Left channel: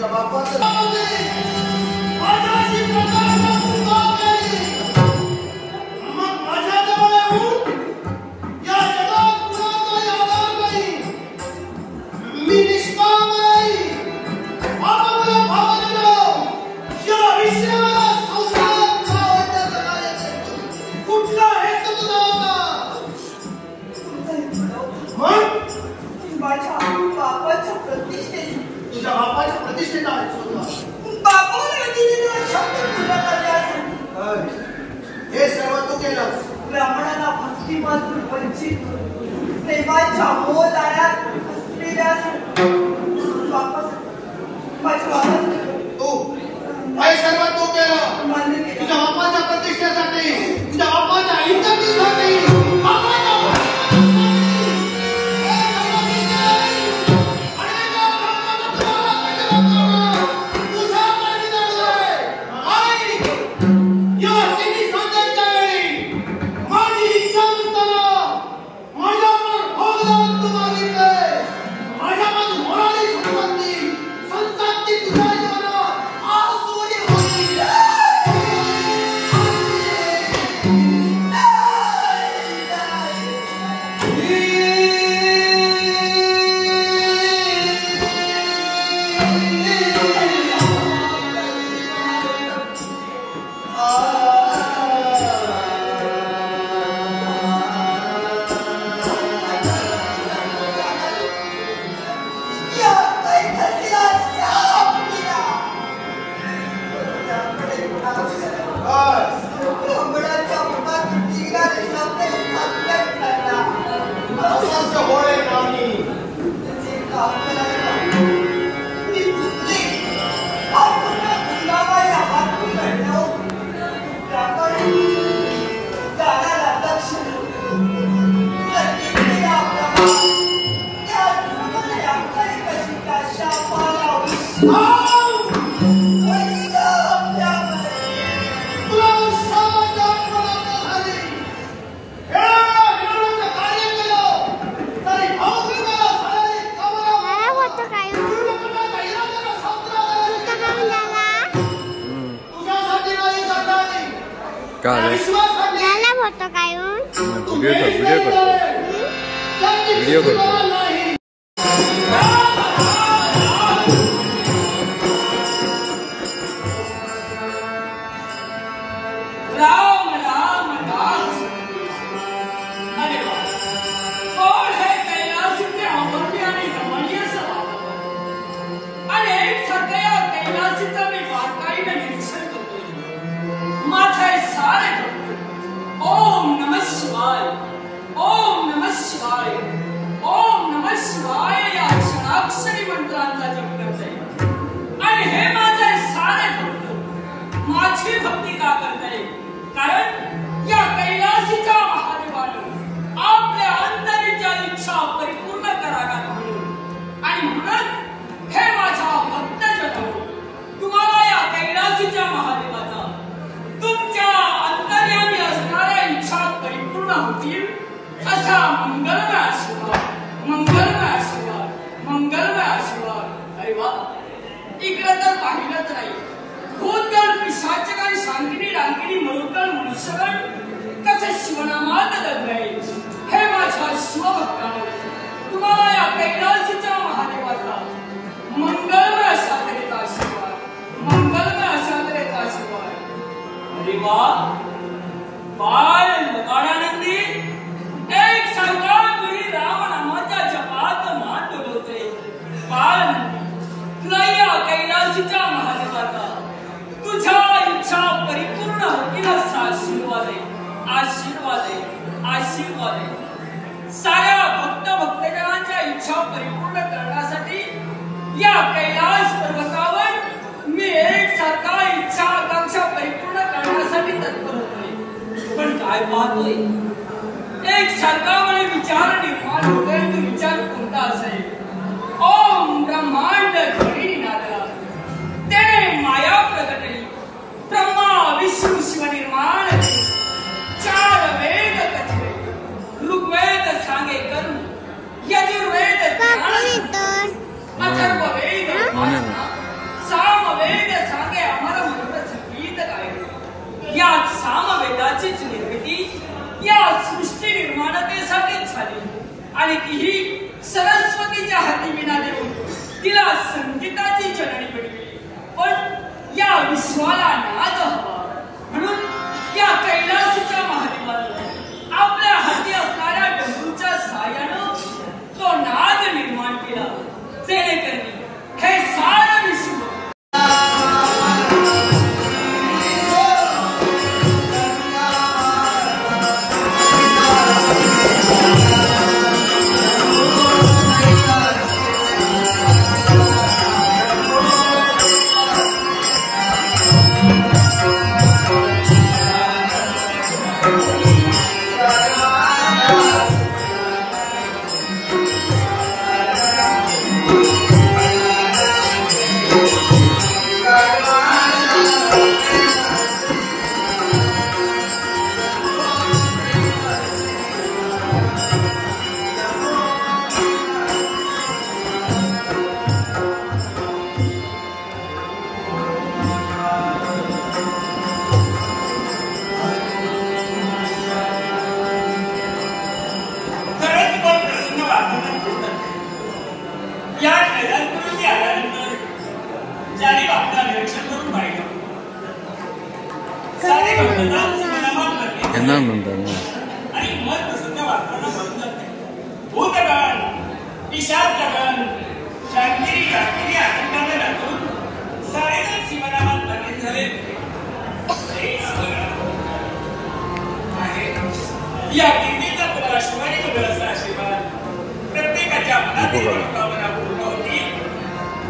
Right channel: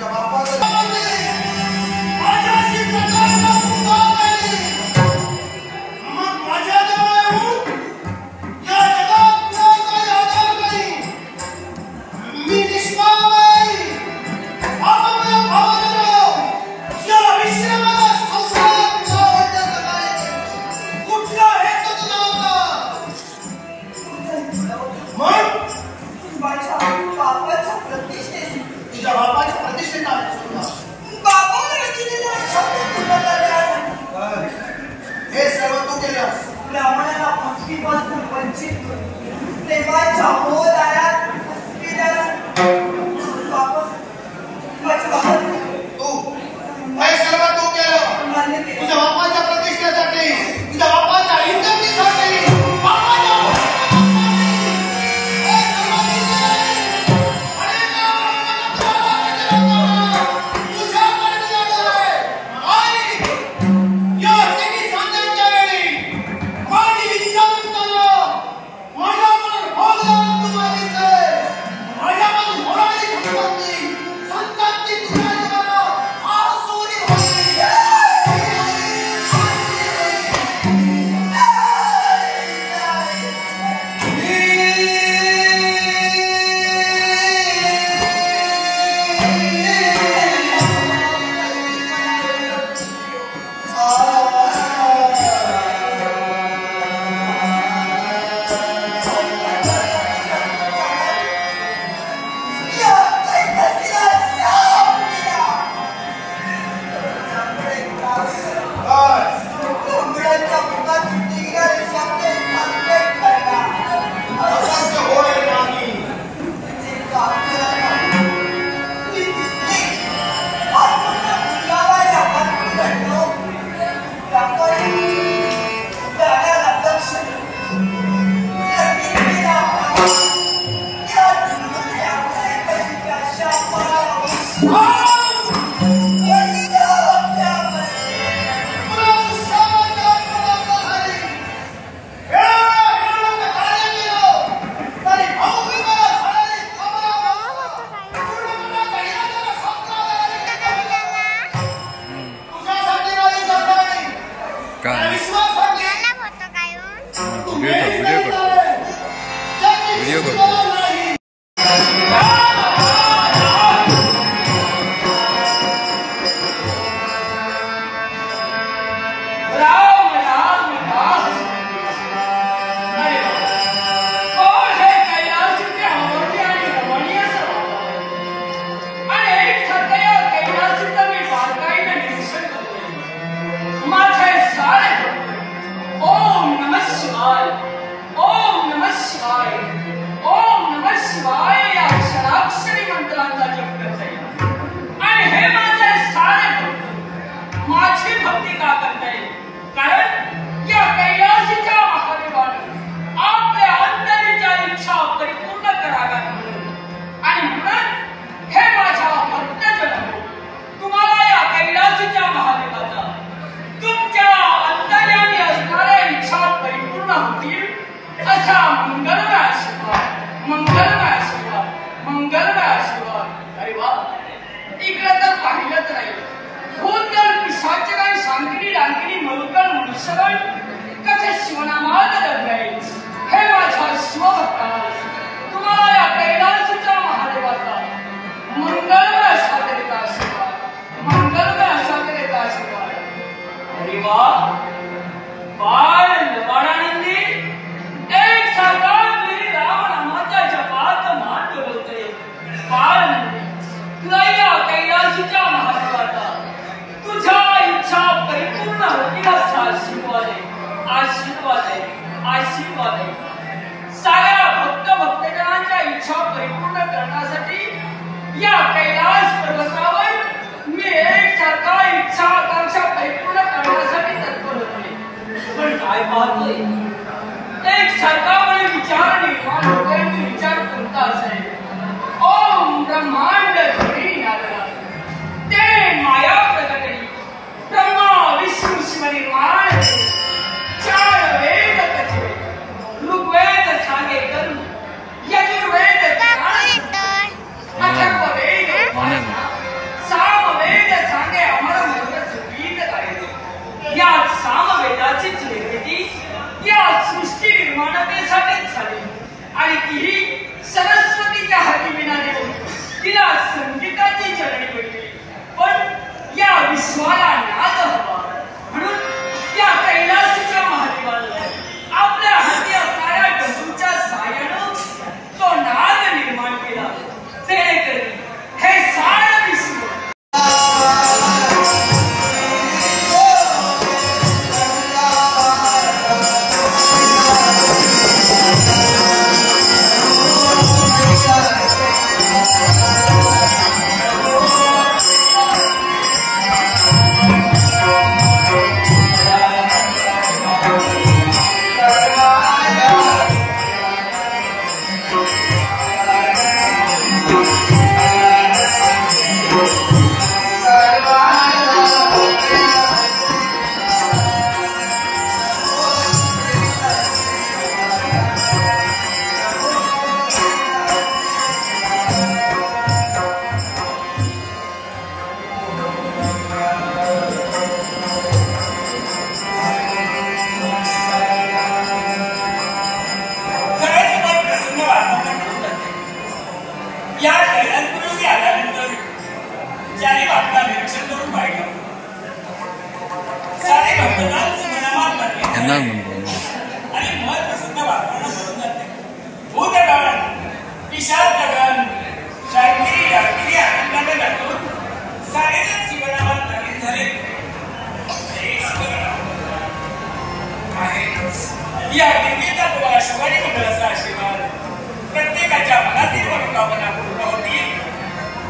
जब प्रेमाच्या मोहदारात असलेल्या वापस तू काय सर्व तू केलं तुझ्या बापाच्या प्रतिष्ठेसाठी तुझ्या बापाच्या इज्जतीसाठी वीडियो करतो या खेळात आल्यानंतर ज्याने आपला निरीक्षण करून पाहिलं सारे भक्तदास मनामात लागले आणि मन प्रसन्न वातावरण बनून जाते. भूतगण विशालगण शांती रात्री आनंदाने दाखवून सारेजण शिवनामात नवीन झाले. हे शिवगण आहे या देवीचा तुला शिवानी मंगळाचा आशीर्वाद प्रत्येकाच्या मनातील मनोकामना पूर्ण होतील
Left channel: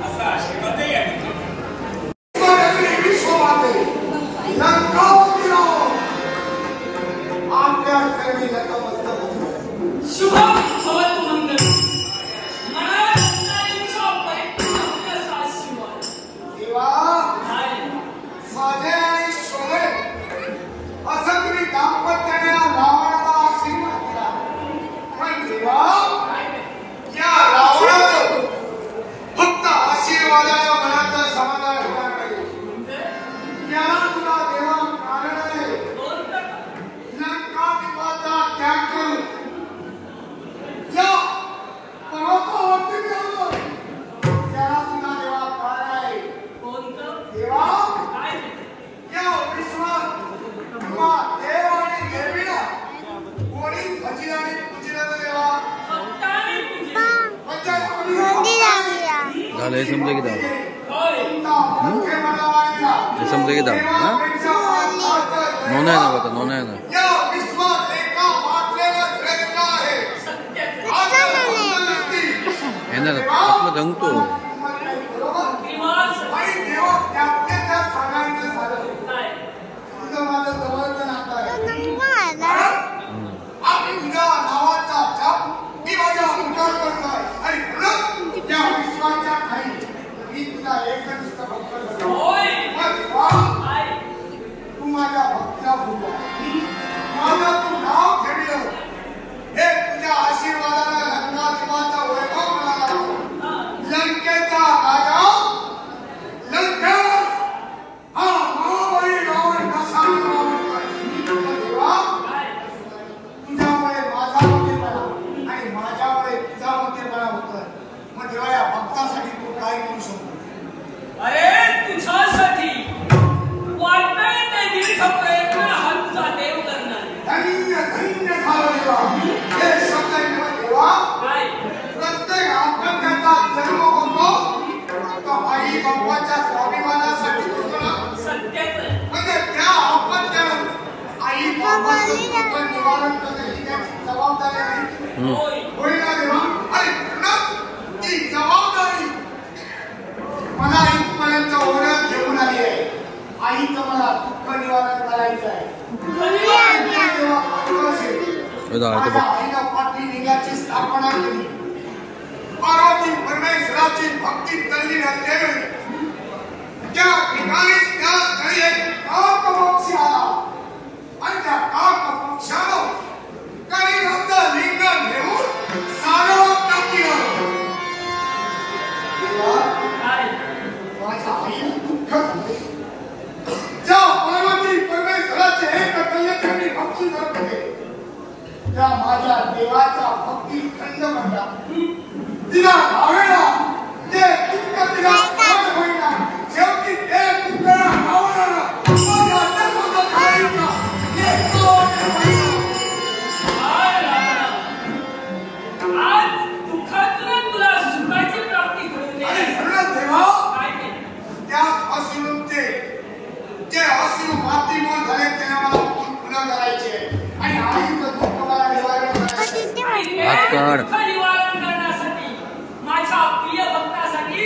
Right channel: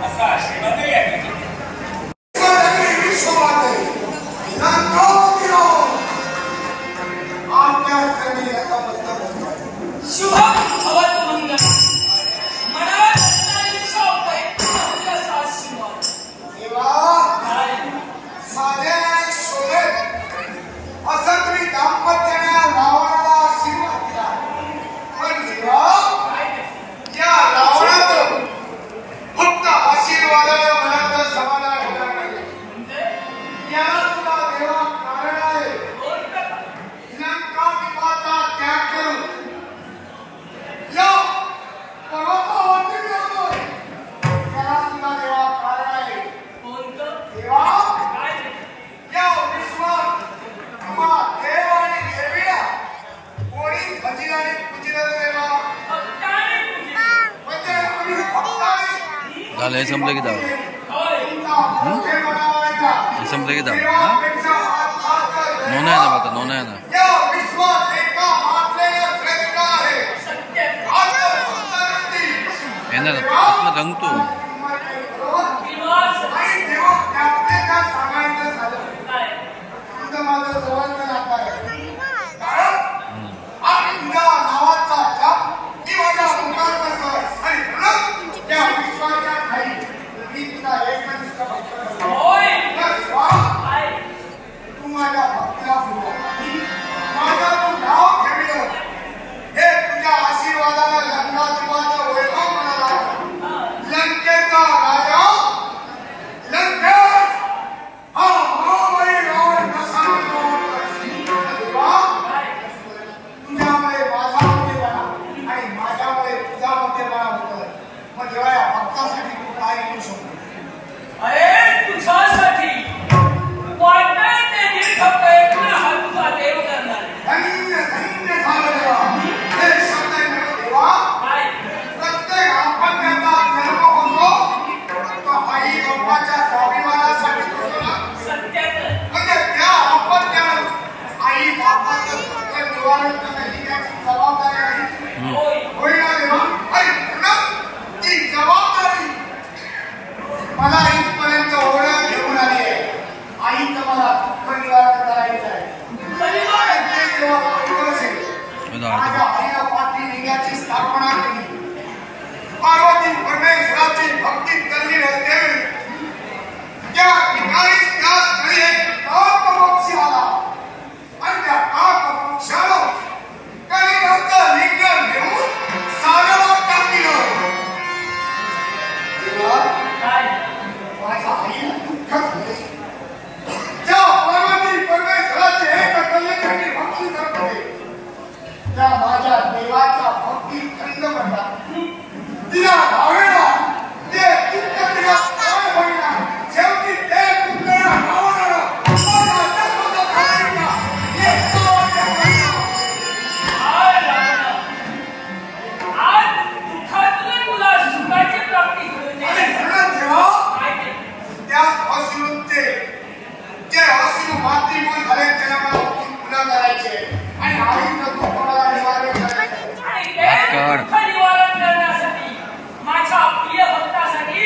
असा आशीर्वाद या ठिकाणी शुभम भवतुरुंग मनावर असं तुम्ही दाम्पत्याने रावणाला आशीर्वाद दिला. पण देवा या रावणाचं फक्त आशीर्वादाला मनाचं समाधान होणार नाही. याला तुला देवा कारण आहे. लंकात्वाचा त्याग करून या पर्वतावरती गेलो. त्याला तुला देवा कारण आहे. देवा या विश्वात देव आणि देवीला कोणी भजिलाने पूजिलं देवा झालं हे संपलं की दाव हे संपलं की दाव हा नोंद आहे ना बघा नोंद आहे ना येणार आतला रंगतो तुम्हाला भक्तीला फुटला माझा तू नाव ठेवलं हे तुझ्या आशीर्वादाला लंकात्वाचा वैभव म्हणाला. लंकेचा राजा लंकेश हा महाबली रावण कसा देवा तुझ्यामुळे माझा मोठेपणा आणि माझ्यामुळे तुझा मोठेपणा होतोय. मग देवा या भक्तासाठी तू काय करू शकतो? अरे तुझ्यासाठी वाटत ते दीर्घ प्रयत्न हा तुझा देव करणार. धन्य धन्य झालं देवा. हे शब्द देवा प्रत्येक आपण त्याचा जन्म होतो तो आई बाप्पाच्या स्वाभिमानासाठी होतो ना. सत्याचं म्हणजे त्या आपण त्याला आई बाप्पाचं दुःख निवारण करणं ही त्याची जबाबदारी आहे. होय ना देवा. आणि पुन्हा ती जबाबदारी मला इथपर्यंत ओढ्यात घेऊन आली आहे. आईचं मला दुःख निवारण करायचं आहे. आईला पाठी लिंगाची स्थापना केली. पार्वती परमेश्वराची भक्ती करली असते. त्या ठिकाणी त्या स्थळी एक काकपक्षी आला आणि त्या काकपक्षानं कलिंगाचं लिंग घेऊन सागरात टाकलं. माझ्या आईला दुःख झाले. ज्या पार्वती परमेश्वराचे एक कलेसाठी भक्ती करत होते त्या माझ्या देवाच्या भक्ती खंड पडला. तिला भावेला ते दुःख तिला सहन होईना. शेवटी ते दुःख रावणाला माझ्या जन्माचा खाईना. आज दुःखातून तुला सुखाची प्राप्ती करून त्या अश्रूंचे जे अश्रू मातृमूळ झाले त्यांना मला पुन्हा करायचे आणि आईचं दुःख मला निवारण करायचे. निवारण करण्यासाठी माझ्या प्रिय भक्तासाठी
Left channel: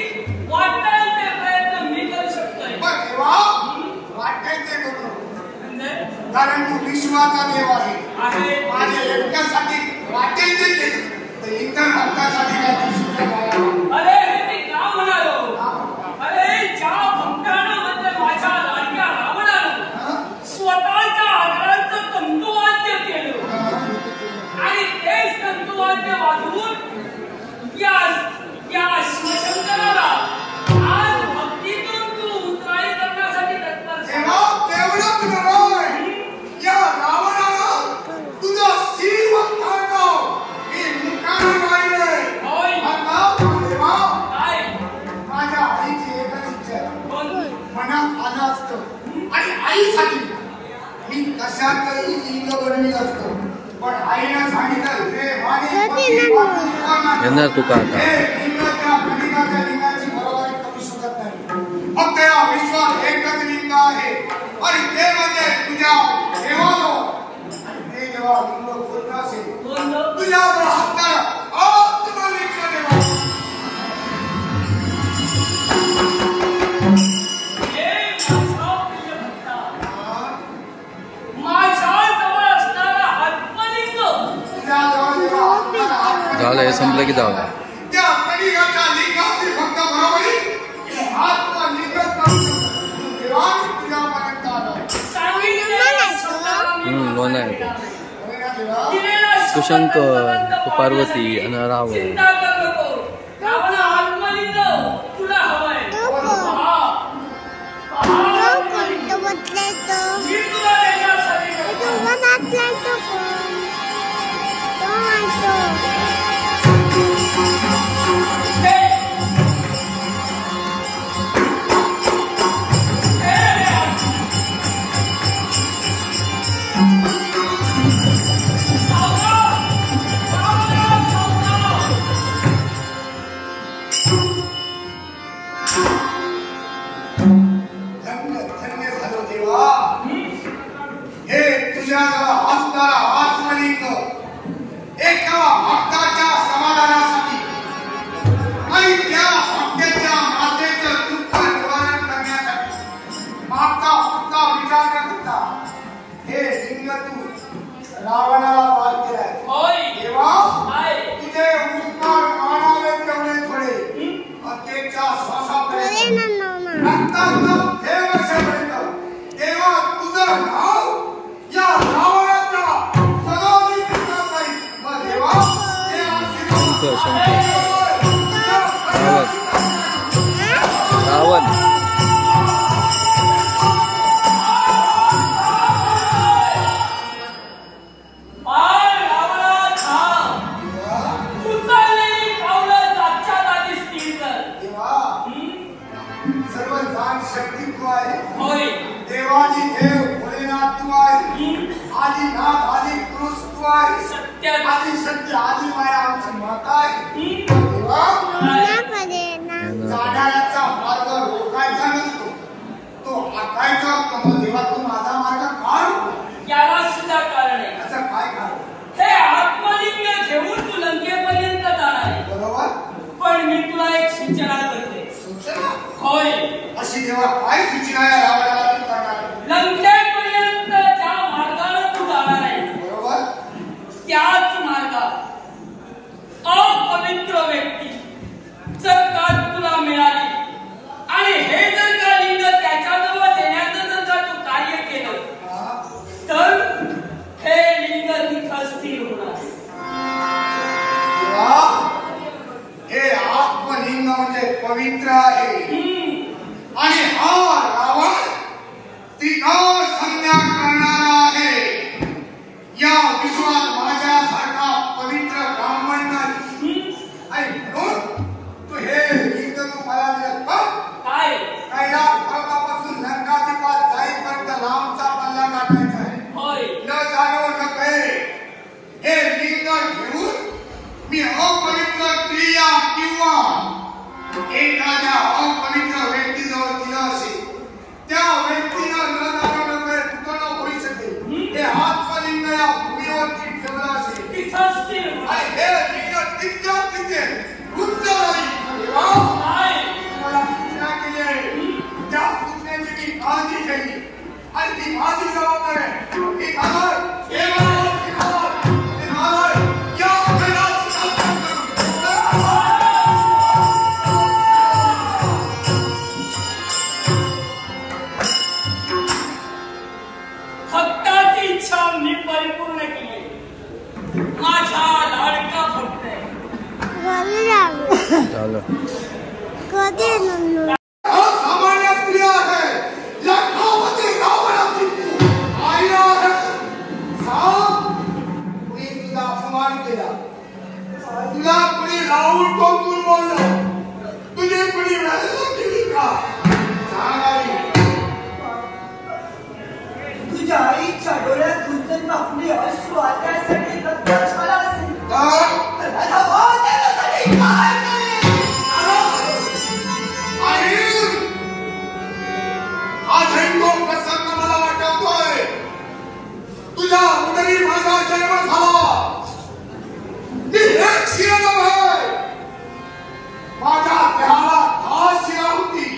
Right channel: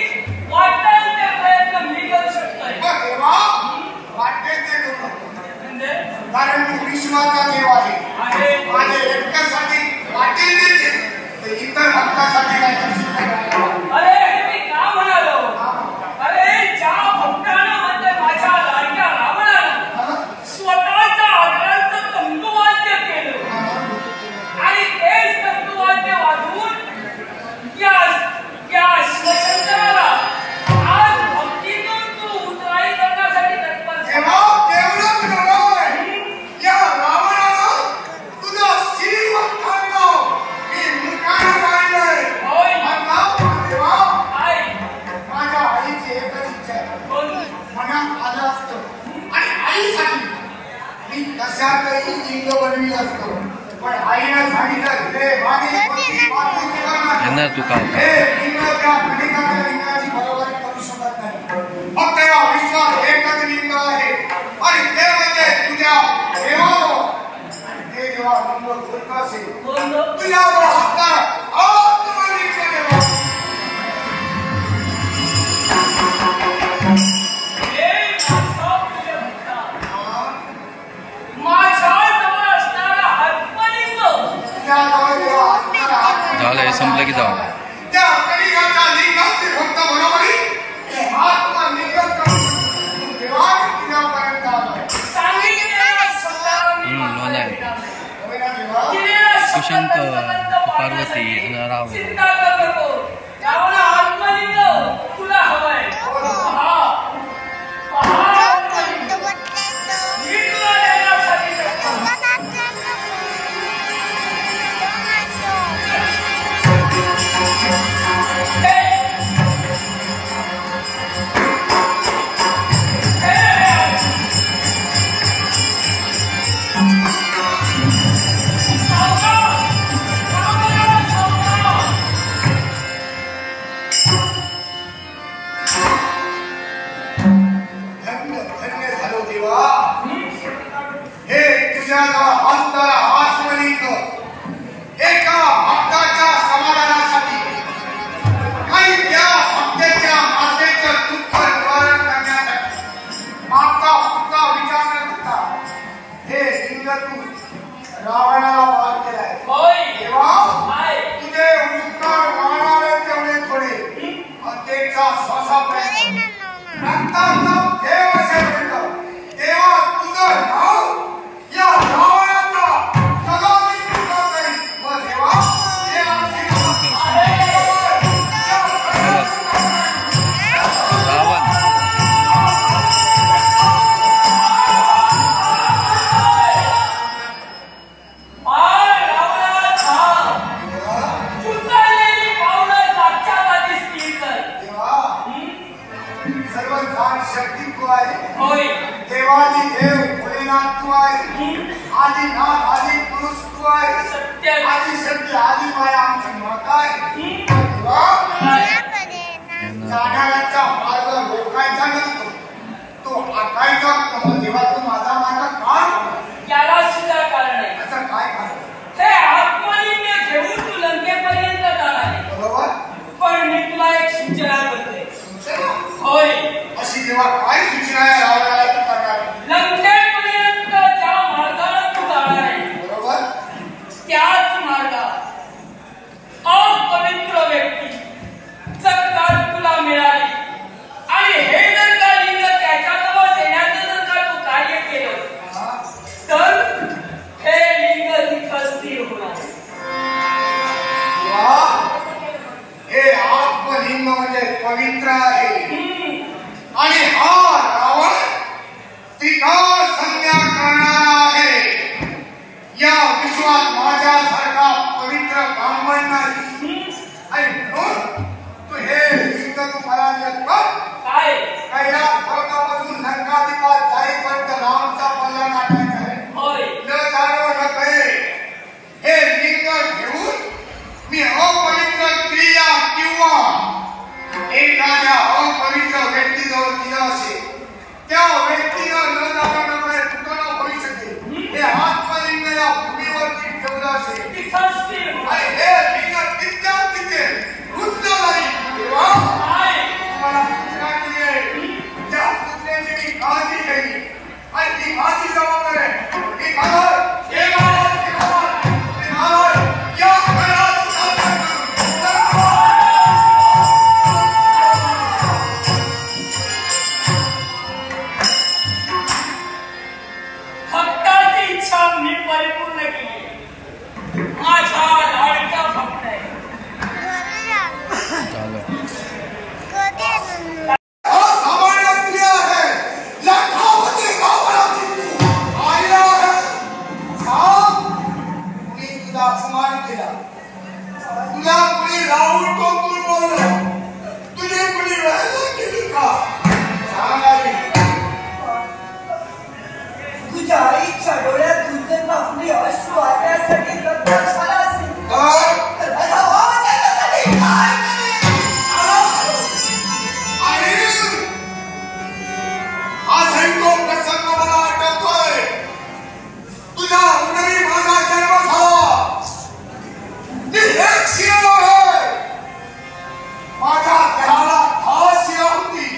वाटेल ते प्रयत्न मी करू शकतोय. पण देवा वाटेल ते करू कारण तू विश्वाचा देव आहे. माझ्या एकट्यासाठी वाटेल ते केले तर इतर भक्तासाठी काय करू शकतो? अरे हे मी का म्हणालो? अरे ज्या भक्तानं म्हणजे माझ्या लाडक्या रावणाला असतं आणि आईसाठी मी कशातही लिंग बनवीत असतो पण आईला सांगितलं हे माझी येणार तुका आता लिंगाच्या खंडिकाच्या लिंगाची बरोबरी करू शकत नाही फक्त या विश्वात एकच लिंग आहे आणि ते म्हणजे तुझ्या देवाजवळ ते जेव्हा लिंग पूर्ण असेल तुझ्यावर असणार आत्मलिंग देवा झालं हे संपलं की जाऊ त्या कलिगाच्या लिंगाची फक्त बरोबरी हे आत्मलिंगच करू शकतो देवा तुझ्यापर्यंत आलो लोण आहे कुशंक पार्वती आणि रावण तुला हवाय रावणाला वाद केलाय देवा तुझे उपकार मानावे तेवढे थोडे हत्येच्या श्वासापर्यंत रक्ताचं देव असेपर्यंत देवा तुझं नाव या रावणाचा सदा मी घेणार नाही मग देवा रावण शक्ती तू आहे देवाजी देव भोलेनाथ तू आहे आदिनाथ आदि पुरुष तू आहे आदि शक्ती आदि माया आमची माता आहे जाणाऱ्याचा मार्ग रोखायचा नसतो तो आखायचा असतो देवातून माझा मार्ग काढ याला सुद्धा कारण आहे असं काय कारण हे आत्मलिंग घेऊन तू लंकेपर्यंत जाणार बरोबर पण मी तुला एक सूचना करते सूचना होय अशी देवा काय सूचना आहे रावणाला तू करणार लंकेपर्यंत ज्या मार्गाने तू जाणार आहे बरोबर त्याच मार्गात अपवित्र व्यक्ती जर का तुला मिळाली आणि हे जर का लिंग त्याच्याजवळ देण्याचं जर का तू कार्य केलं तर हे लिंग तिथं स्थिर होणार हे आत्मलिंग म्हणजे पवित्र आहे आणि हा रावण तिथं संज्ञा करणारा आहे या विश्वात माझ्यासारखा पवित्र ब्राह्मण नाही आणि म्हणून तू हे लिंग तू मला देत काय कैलास पर्वतापासून लंकाधिपात जाईपर्यंत लांबचा पल्ला काढायचा आहे होय न जाणो न कळे हे लिंग घेऊन मी अपवित्र क्रिया किंवा एखाद्या अपवित्र व्यक्तीजवळ दिलं असेल त्या व्यक्तीनं न जाणो न कळे तुटणं होऊ शकेल हे आत्मलिंग या भूमीवरती ठेवलं असेल तिथं स्थिर होणार आणि हे लिंग तिथल्या तिथे रुद्ध नाही काय तुम्हाला सूचना केली आहे त्या सूचनेची मी काळजी केली आणि ती माझी जबाबदारी आहे मी घालर हे घालर ते घालर ते घालर या भक्ताची इच्छा मी परिपूर्ण केली माझा लाडका भक्त आहे झालं सामान्य स्त्री आहे लाखामध्ये गावाची तू आईला आहे सांग कुणी तुझा अपमान केला तुला कुणी राहून टोकून बोललं तुझी कुणी राहायला केली का सांग आई तुझ्या आईच्या डोळ्यात दुर्गंध आपली अश्रू आणण्यासाठी गद्दार झाला असेल तर माझा भाव त्याच्यासाठी काय करेल? आज तो प्रसंग मला आठवतोय. तुझ्या उदरी माझा जन्म झाला. ती एक शिया आहे. माझ्या देहाला 10 शिया होती.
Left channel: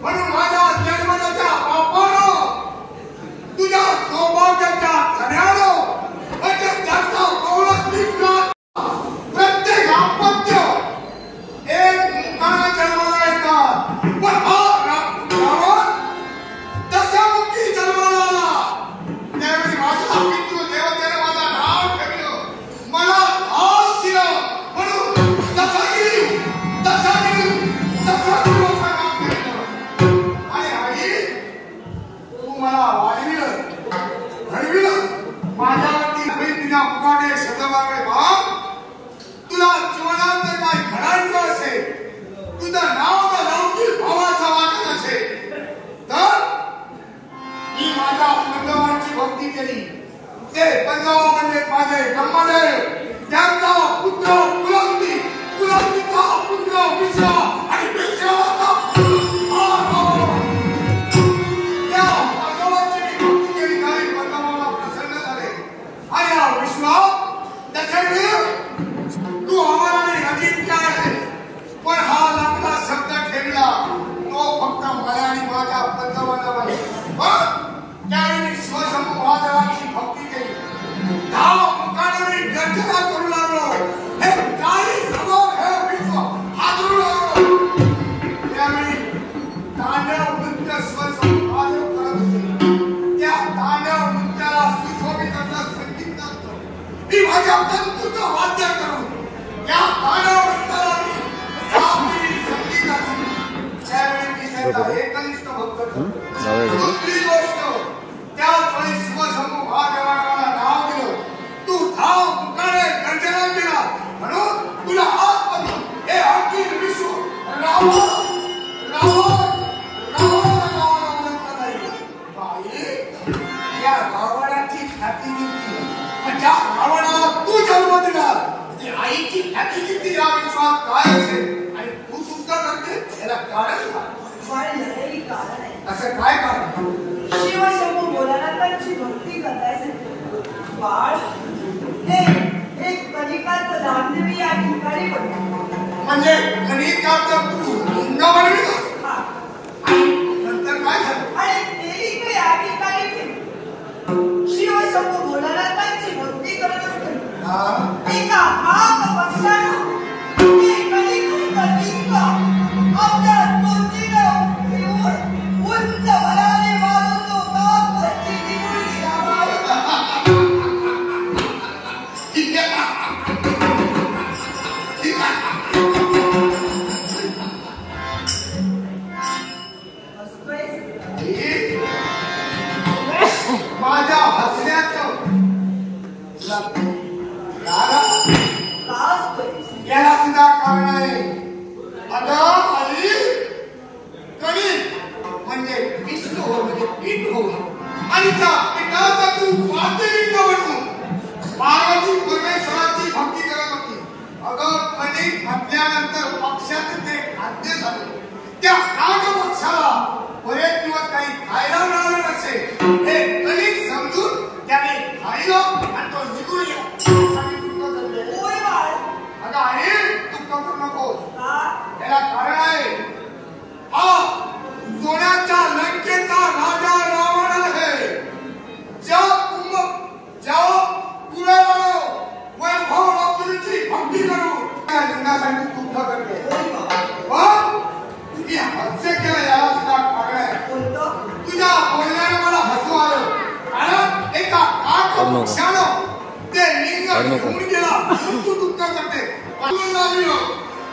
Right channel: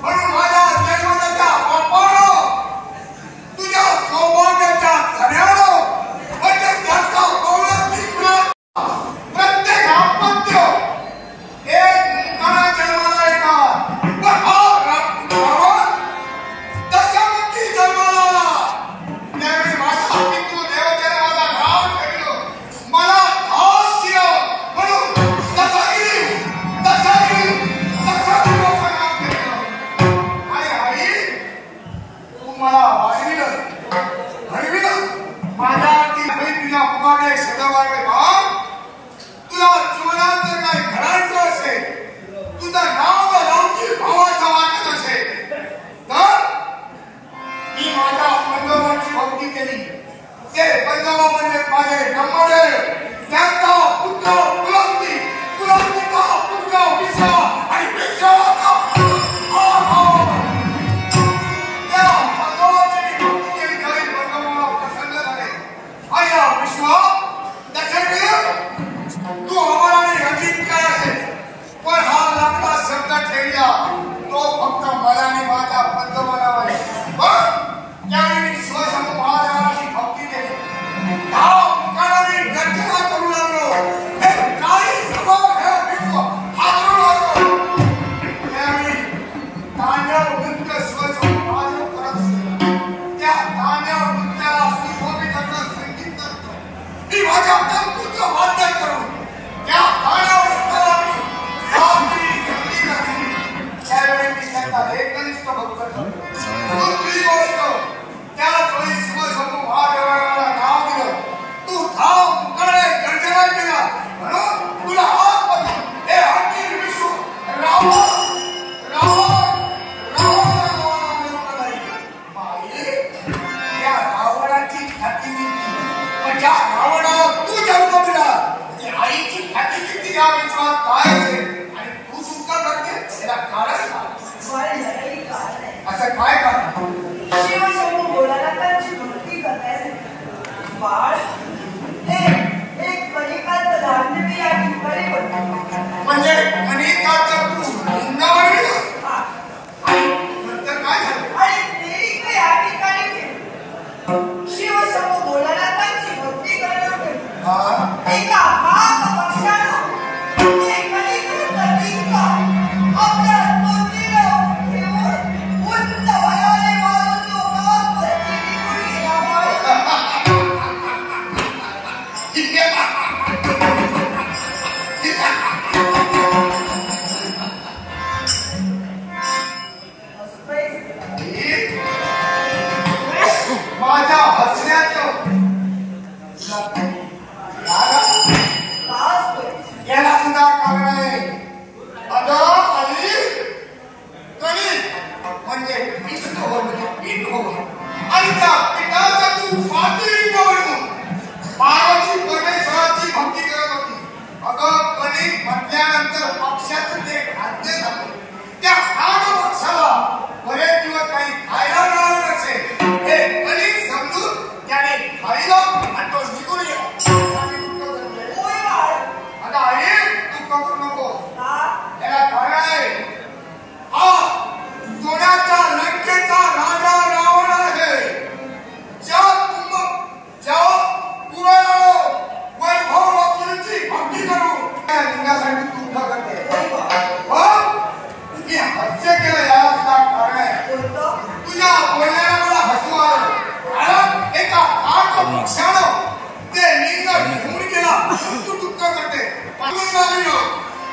म्हणून माझ्या जन्मदात्या बापानं तुझ्या सौभाग्याच्या धन्यानं प्रत्येक घरचा कौलात निघला. प्रत्येक आपत्य एक मुखाने जन्माला येतात. पण हा दशामुखी जन्माला आला. त्यावेळी माझ्या पितृदेवतेने माझा नाव ठेवलं. मला 10 शिया म्हणून तसा मला वाढविलं घडविलं. माझ्यावरती तुझ्या मुखाने सदावारे बाप तुला जीवनात जर काही घडायचं असेल, तुझं नाव लौकिक भावाचं वाटत असेल तर मी माझ्या पंजोबांची भक्ती केली. ते पंजोबा म्हणजे माझे ब्रह्मदेव, त्यांचा पुत्र कुलंदी, कुलंदीचा पुत्र विषा आणि विषाचा तू आम्हाला अजित काय आहे, पण हा लागला शब्द ठेवला तो फक्त मला आणि माझ्या पंतप्रधानाला आहे. त्यावेळी स्वशंभू महादेवाची भक्ती केली. 10 मुखाने गर्जना करू लागलो. हे काही प्रभाव हे विश्व हादरू लागलो. त्यावेळी तांडव नृत्य स्वशंभू महादेव करत होते. त्या तांडव नृत्याला सुशोभित असं संगीत करतो. मी माझ्या तंतूचं वाद्य करून त्या तांडव नृत्याला संगीत घातली. त्यावेळी मी त्याचा एकनिष्ठ भक्त ठरलो. दुसरी गोष्ट, त्याच वेळी शिवशंभू महादेवाला नाव दिलं. तू 10 मुखाने गर्जना केला म्हणून तुला आजपासून हे अखिल विश्व रावण या रावणाची ख्याती निघती. पण ज्या रावणाला तू जन्म दिला ती आईची ख्याती निघती. या विश्वात काय असेल आणि तू सुद्धा करते याला कारण काय? असं काय कारण? शिवशंभू भोलानाथांची भक्ती करण्यासाठी बाळ हे एक कलिकाचं धामधुमी या ठिकाणी पडतं. म्हणजे कलिकाचं तू लिंग बनविलं आणि नंतर काय झालं? आणि देवी या ठिकाणी शिवशंभू भोलानाथांची भक्ती करत असते. एका महापक्षानं ते कलिकाचं लिंग आपल्या तोंडीला घेऊन उंच वयाने वाजवतो. बापची निघून माझ्या हसण्याचं याला सुद्धा कारण आहे. म्हणजे विष्णू हो म्हणजे पीठ हो आणि त्या पिठाचा तू पातळी बनवून पार्वती परमेश्वराची भक्ती करत होती. अगं कलिक म्हटल्यानंतर पक्षाचं ते खाद्य झालं. त्या खाद्य पक्षाला बरेच दिवस काही खायला मिळालं नसेल. हे कलिक समजून त्याने खायला आणि तो निघून गेला. अगं आई तू करू नको. त्याला कारण आहे. हा सोन्याच्या लंकेचा राजा रावण आहे. ज्या पुराणाला वैभव लक्ष्मीची भक्ती करू त्या लिंगासाठी तू उभा करते. मी हास्य केलं याला सुद्धा कारण आहे. तुझ्या बोलण्याने मला हसू आलं. कारण एका पक्षानं ते लिंग घेऊन गेला. तू उत्तर करते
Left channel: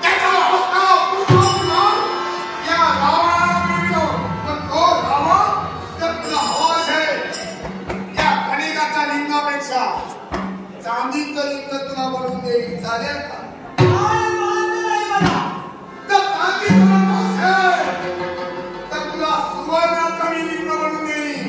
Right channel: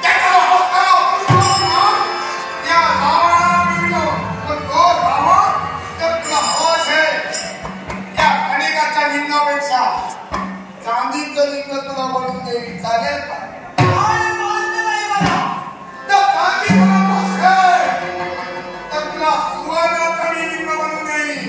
त्याच्या या रावणाला मिळलो. पण तो रावण तर तुला हवाच आहे. या कलिकाच्या लिंगापेक्षा चांदीचं लिंग तुला बनवून देईल. चालेल का? तर तुला सुवर्णाचं लिंग बनवून देईल.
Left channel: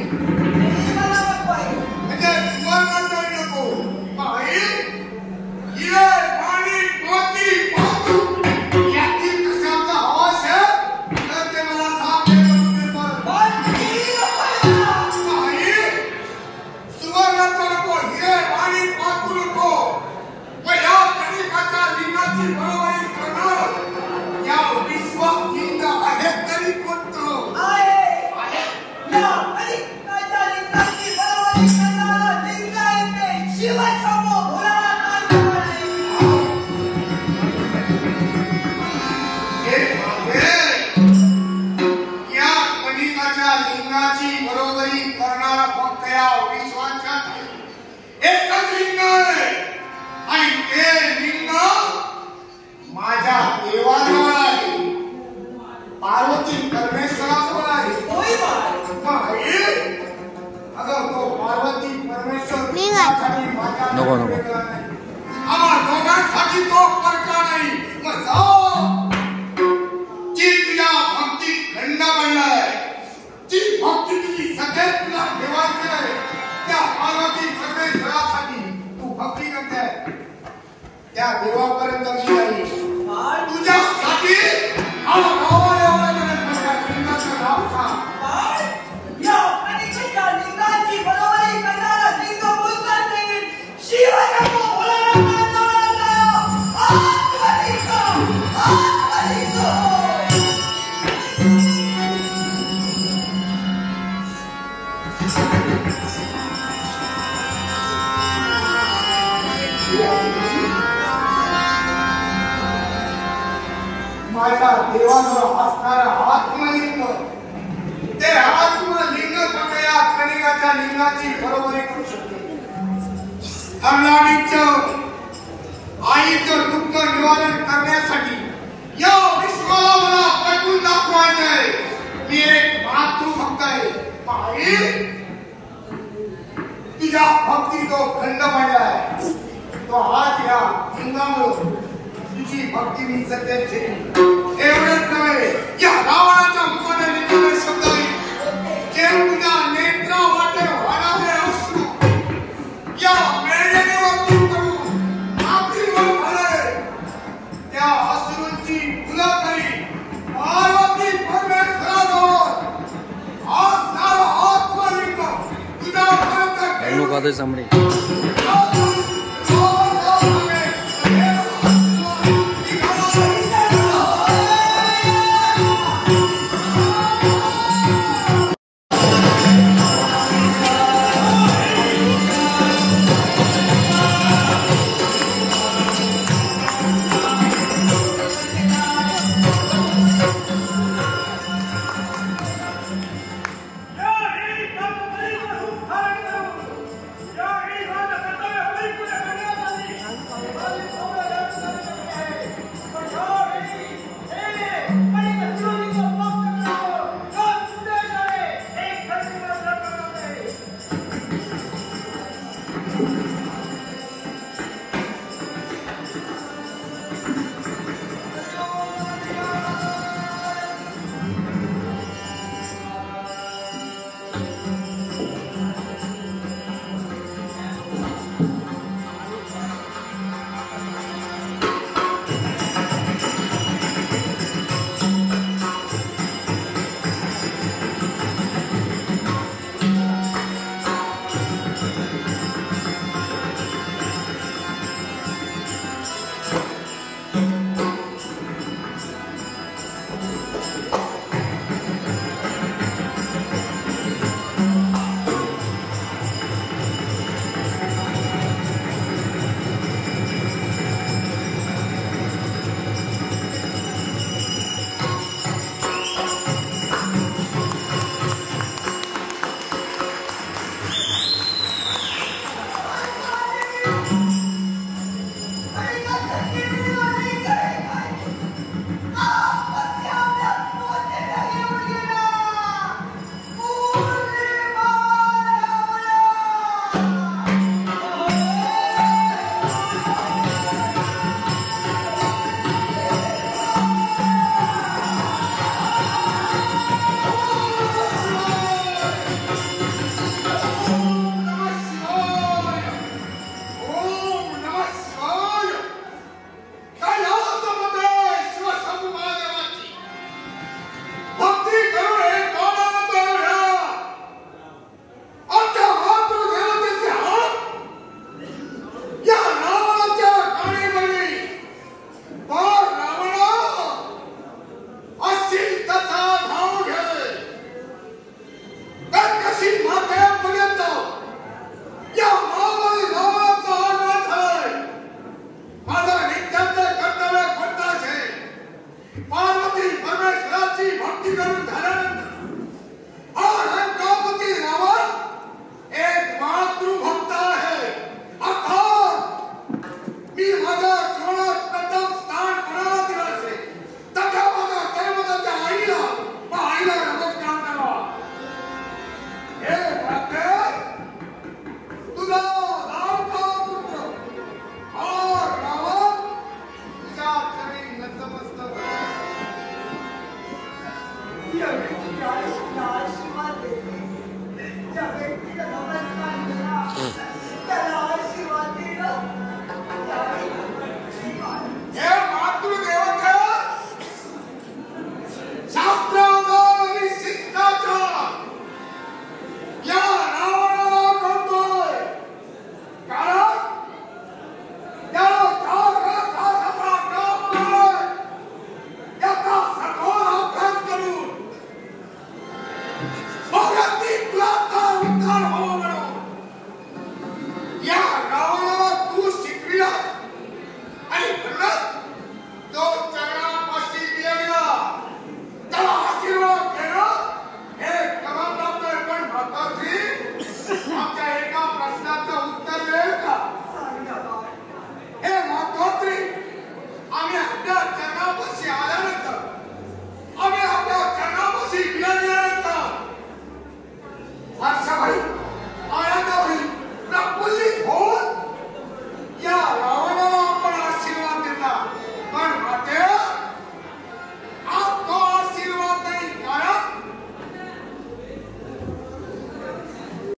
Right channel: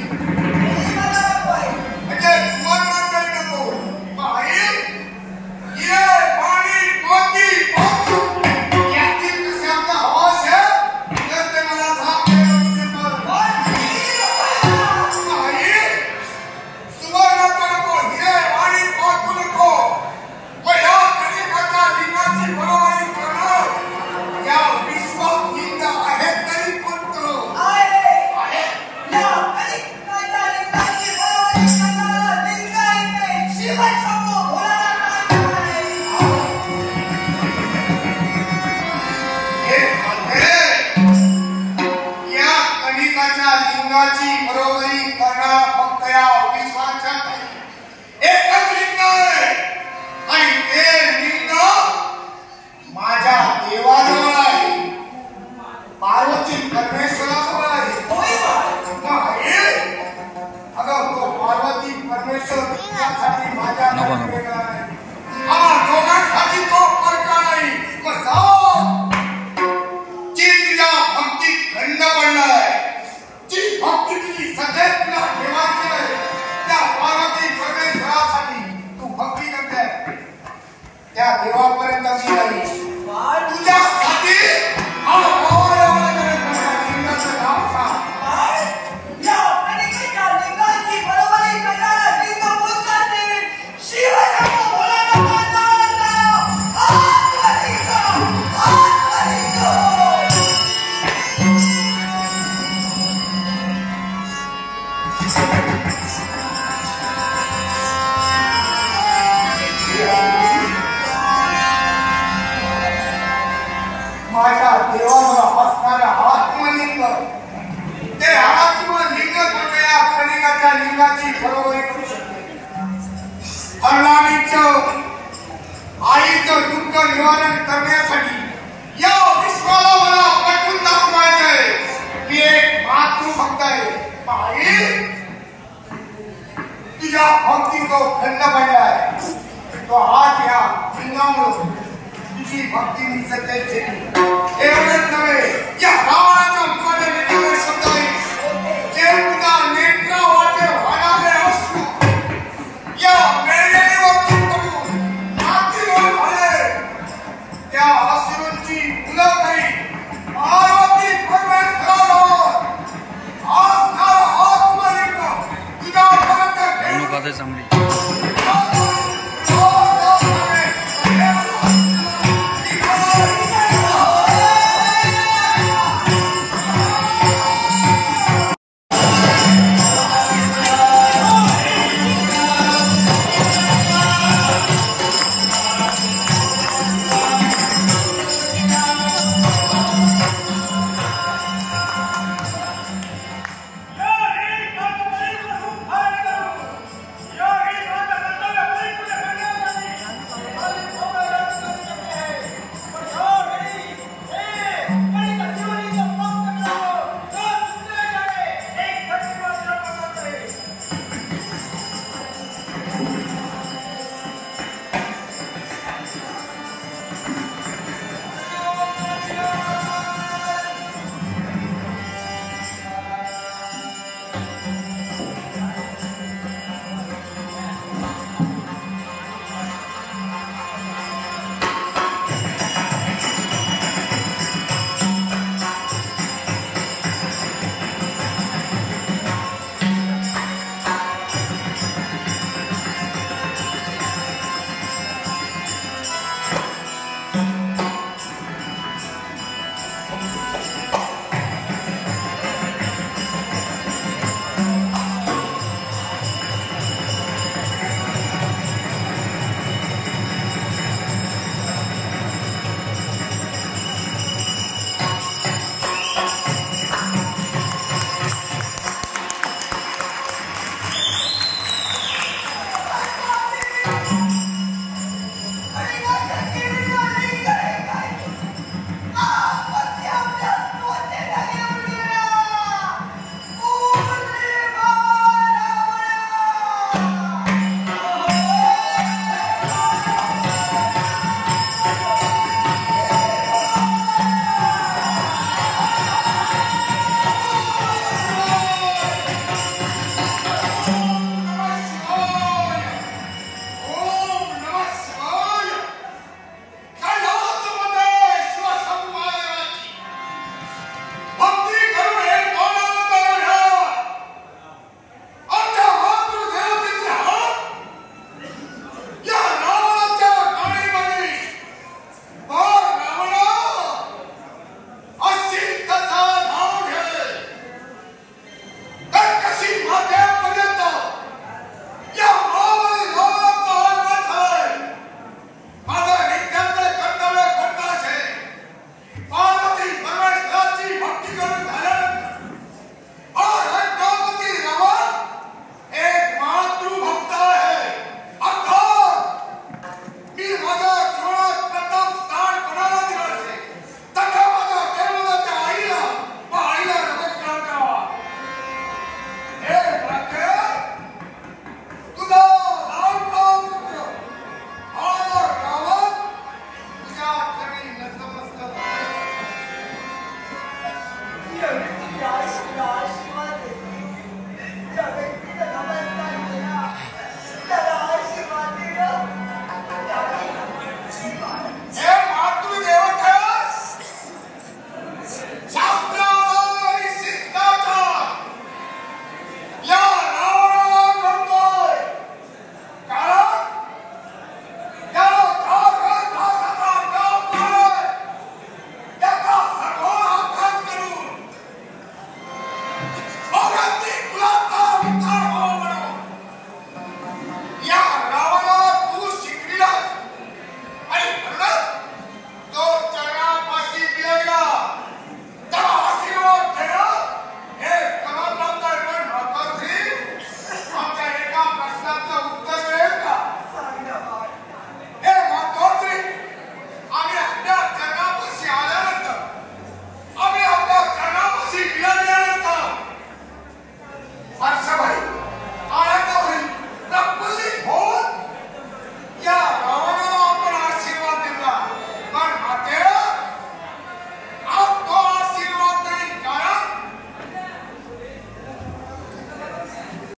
लिंगाची बरोबरी करणारा फक्त या विश्वाच्या एकच लिंग आहे आणि ते लिंग माझ्या देवाजवळ आहे, पार्वती परमेश्वराजवळ आहे. अगं तो पार्वती परमेश्वर माझ्या नको दोघांसाठी तो करता नाही. मग जाऊ जी तुझ्या भक्तीत खंड पडलाय, जी भक्ती तुझी सदैव तुला ठेवायची आहे, त्या पार्वती परमेश्वरासाठी तू भक्ती करते, त्या देवापर्यंत मी नाही. तुझ्यासाठी माझ्या देवाजवळ असणाऱ्या आत्मलिंग, ते आत्मलिंग या कलिंगाच्या लिंगाची बरोबरी करू शकते. हरलाडीचं आईचं दुःख निवारण करण्यासाठी या विश्वाला मला पटवून दाखवायचं आहे. मी एक मातृभक्त आहे. आई, तुझ्या भक्ती तो खंड पडलाय, तो आज या लिंगामुळे तुझी भक्ती मी सत्य ठेवली. एवढेच नव्हे, या रावणाच्या मुखाने निघाले शब्द जे तुझ्या नेत्रा वाटे वाढावे अश्रू या मेळेवरती पडून मातीवर आले, त्या अश्रूंची फुलं नाही पार्वती परमेश्वराजवळ असणारा आत्मलिंग तुझ्यापर्यंत कादे सामने Martin!